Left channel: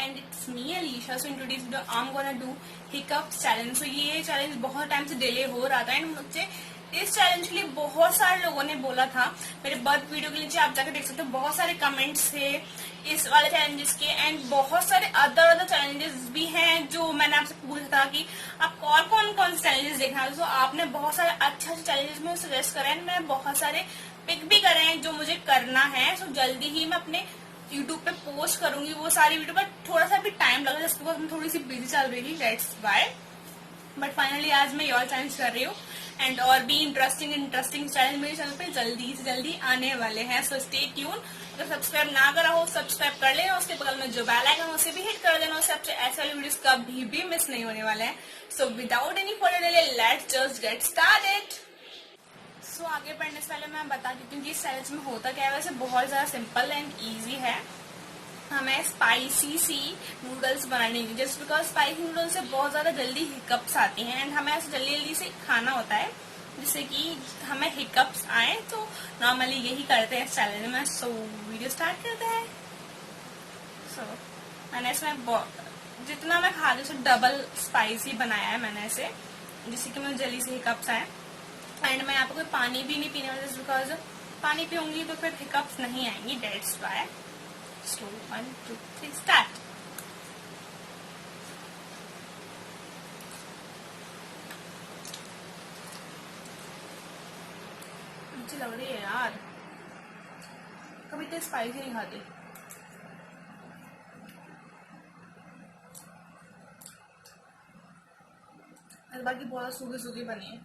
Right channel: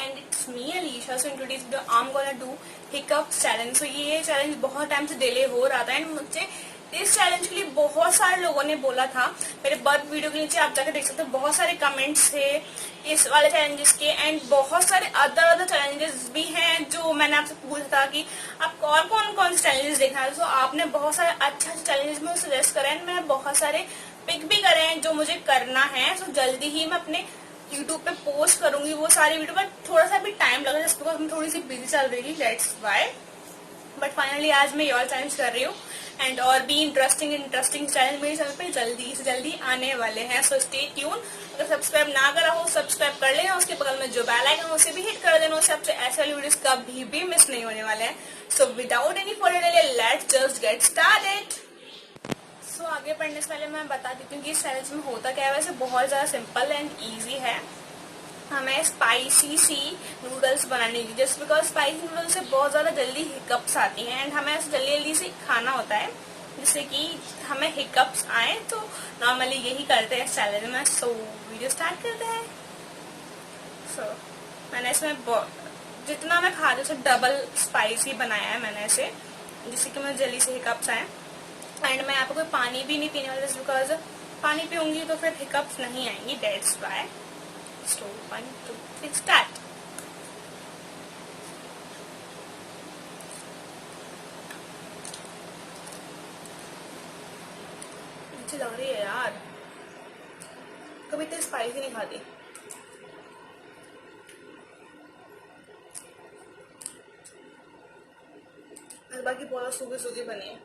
and it's me Alisha. So in today's video I'm gonna do hiccups challenge. So ये चैलेंज बहुत टाइम से डिले हो रहा था एंड मुझे इस चैलेंज के लिए बहुत सारे लोगों ने बोला था. मेरे बर्थ वीडियो के नीचे आप जाकर देख सकते हो, बहुत सारे कमेंट्स थे इस वाले चैलेंजेस के एंड बहुत सारे अदर चैलेंजेस भी हैं जो मैंने आपसे पूछा था कि आपको और कौन कौन से चैलेंजेस देखना है. तो आपने बहुत सारे अच्छे चैलेंजेस में सजेस्ट करे एंड मैंने बहुत सारे पिक भी करे हैं जो मुझे करना है. तो जल्दी ही मैं अपने यूट्यूब पे पोस्ट करूंगी वो सारी वीडियो, बट थोड़ा सा भी टाइम लगा जस्ट बिकॉज मैं थोड़ी सी बिजी चल रही थी, दैट्स व्हाई. बट फाइनली आज मैं योर चैलेंज कर रही हूँ एंड और भी इंटरेस्टिंग चैलेंज मेरे चैनल पे जल्दी से जल्दी आने वाले हैं. So stay tune. अगर सब्सक्राइब ना करा हो सब्सक्राइब कर लेना, उसके बगल में जो बेल आइकन है उसे भी हिट कर देना, उससे आपसे ऐसे वाली वीडियोस कभी भी मिस नहीं होने वाले हैं. So without any further delay let's just get started. So आगे पढ़ने से पहले मैं बता देती हूँ कि इस चैलेंज में होता क्या है. वैसे बहुत ज्यादा सिंपल एंड ईजी है. हमें स्पाइसी सी नूडल्स बनाने की, जस्ट बिकॉज स्पाइसी नूडल्स से बहुत ज्यादा जल्दी हिकअप्स आती हैं एंड हमें जल्दी जल्दी से खाना होता है जिससे कि हमें हिकअप्स आए. तो नॉर्मली यही करते हैं इस चैलेंज में. सो वीडियो स्टार्ट करते हैं. सो मैंने इसमें जितना मैं खाती हूँ उससे डबल स्पाइसी बनाया है मैंने इसे, जिससे कि मुझे जल्दी से हिकअप्स आए. एंड मैं यहाँ पे कोई पानी भी नहीं पीने वाली जस्ट बिकॉज पानी पीऊंगी तो फिर हिकअप्स नहीं आएंगी, दैट्स व्हाई. So 1, 2, 3 start. अच्छी लग रही है यार, कभी तो स्पाइसी नहीं खाती. बाकी बहुत सूखी सूखी बनी है.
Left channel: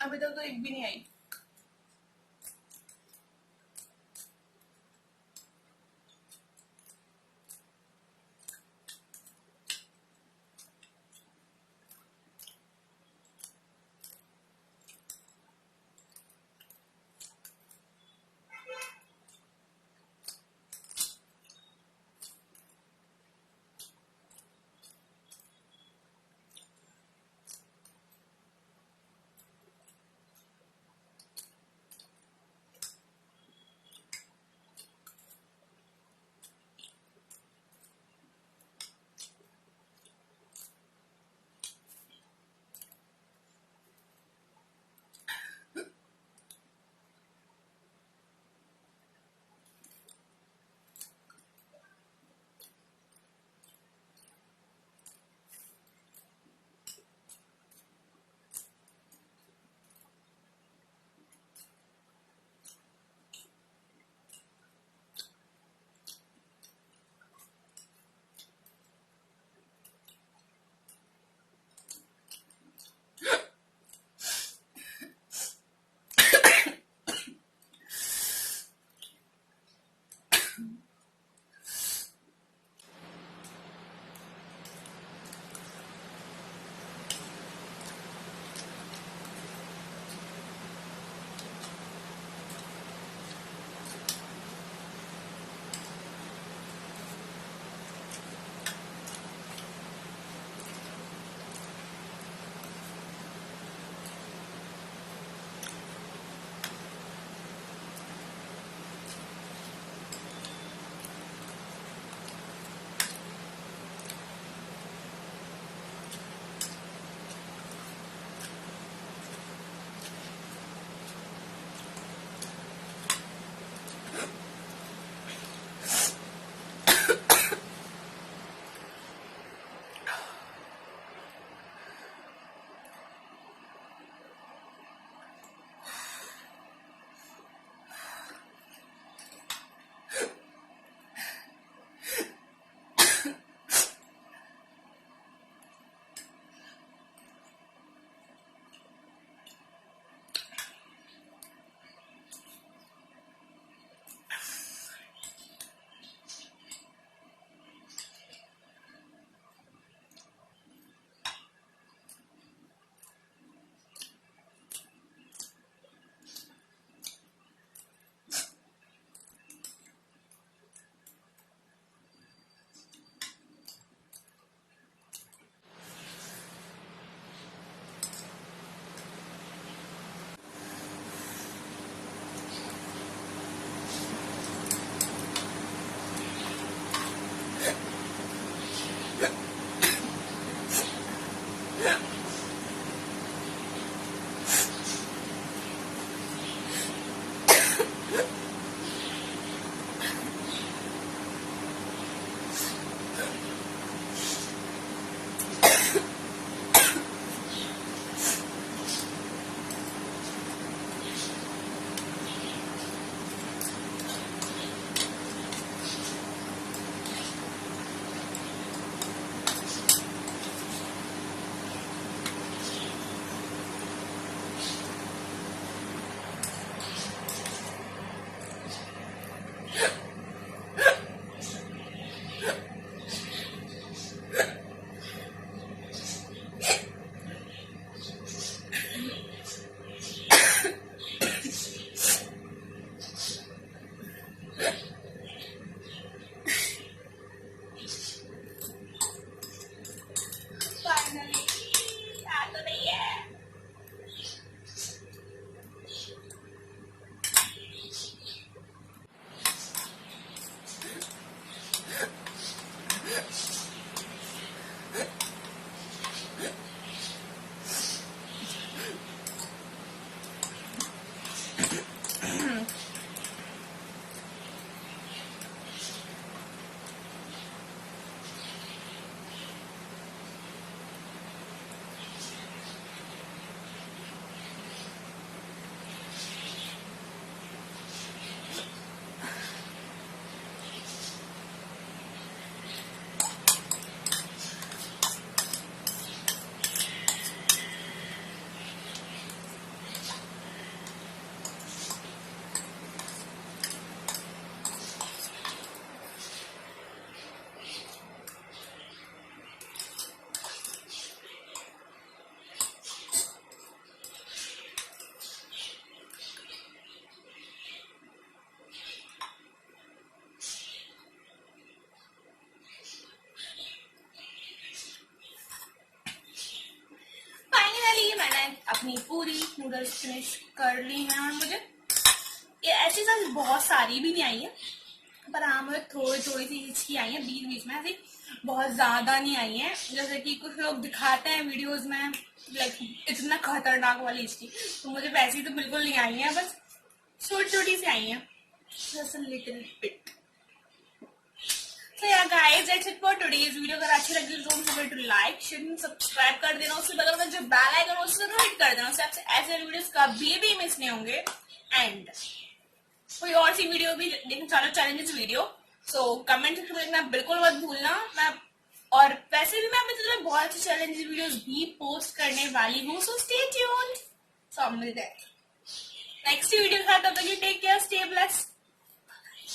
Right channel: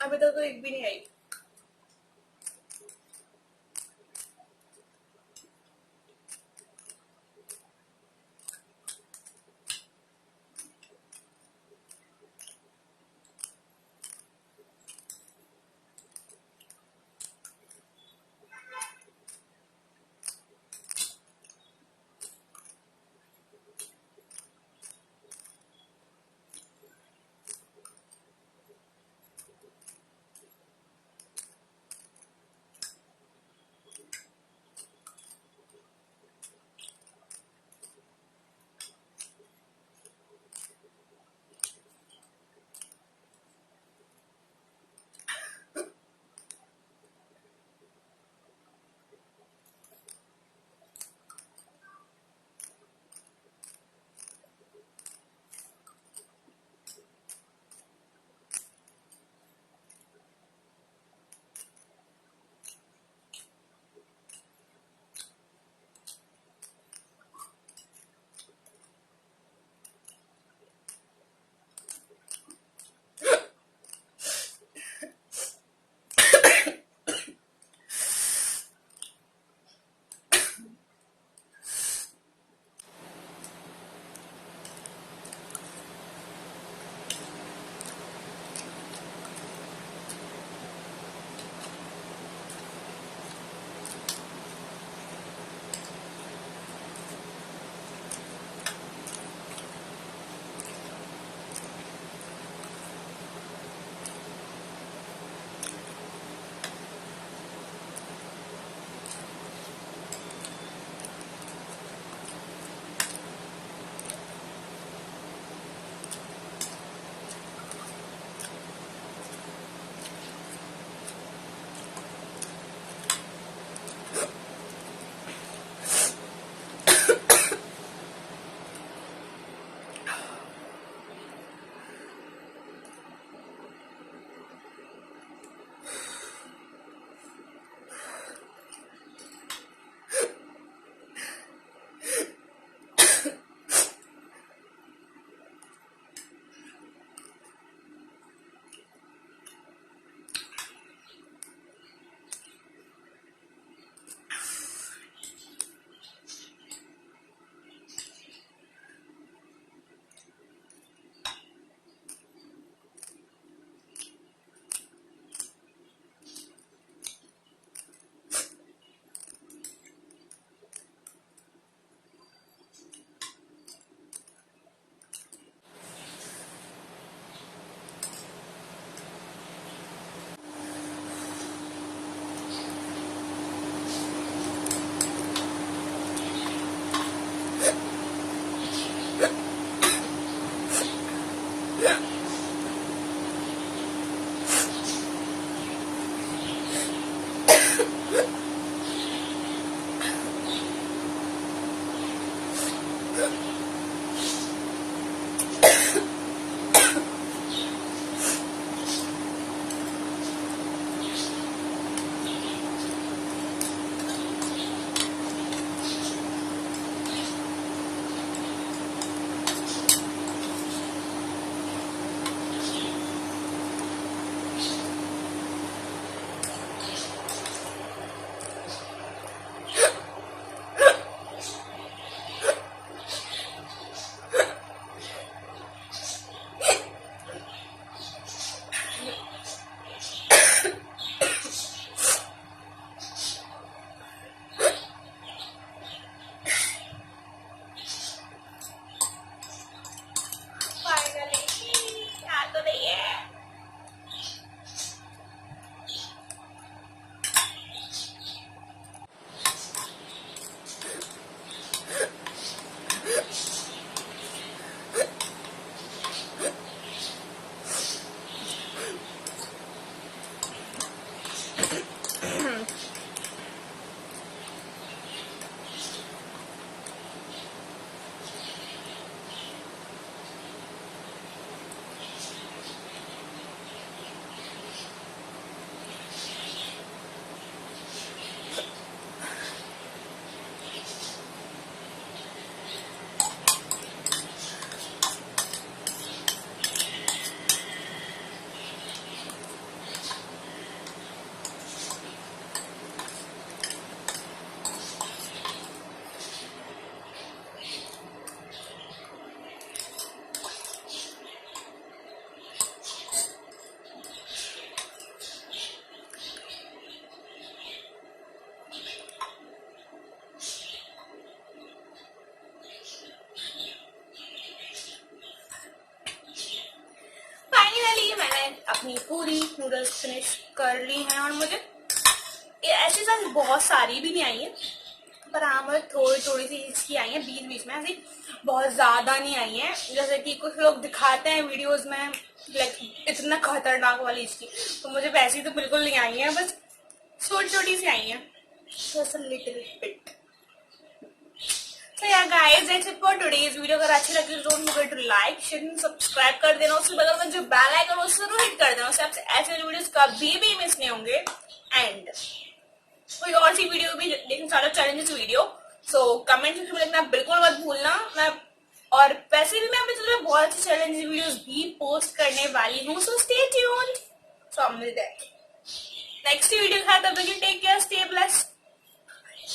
अभी तक तो एक भी नहीं आई. अपनी पूरी नूडल्स फिनिश कर ली हैं और मुझे ये ऐसी साथ बहुत सारी भी नहीं आई है, पर हाँ मुझे थोड़ी थोड़ी सी हिचकी आई है बीच बीच में, ऐसी बहुत ज्यादा नहीं आई है जैसे कि कुछ लोग दिखाते हैं वीडियोस में, लाइक इतना खतरनाक वाली हिचकी। तो मुझे वैसी तो बिल्कुल नहीं आई है, बस छोटी छोटी सी आई है, just a little bit. So yeah guys, that's it for today's video। अगर अच्छी लगी तो don't forget to like share and subscribe कर देना, उसके बगल में जो बेल आइकन है उसको जरूर हिट कर देना, उससे आपसे ऐसे वीडियोस कभी भी मिस नहीं होंगे। एंड कोई और सी वीडियो भी देखना चाहते हो challenges video, so comment section में लिखना बिल्कुल मत भूलना। मैं और वैसे भी मैं अपने चैनल में बहुत अच्छी चैलेंज वीडियोस भी पोस्ट करने वाली हूँ, सो स्टे ट्यून्ड। सो मिलते हैं नेक्स्ट वीडियो के साथ, तब तक टेक केयर, स्टे ब्लेस्ड।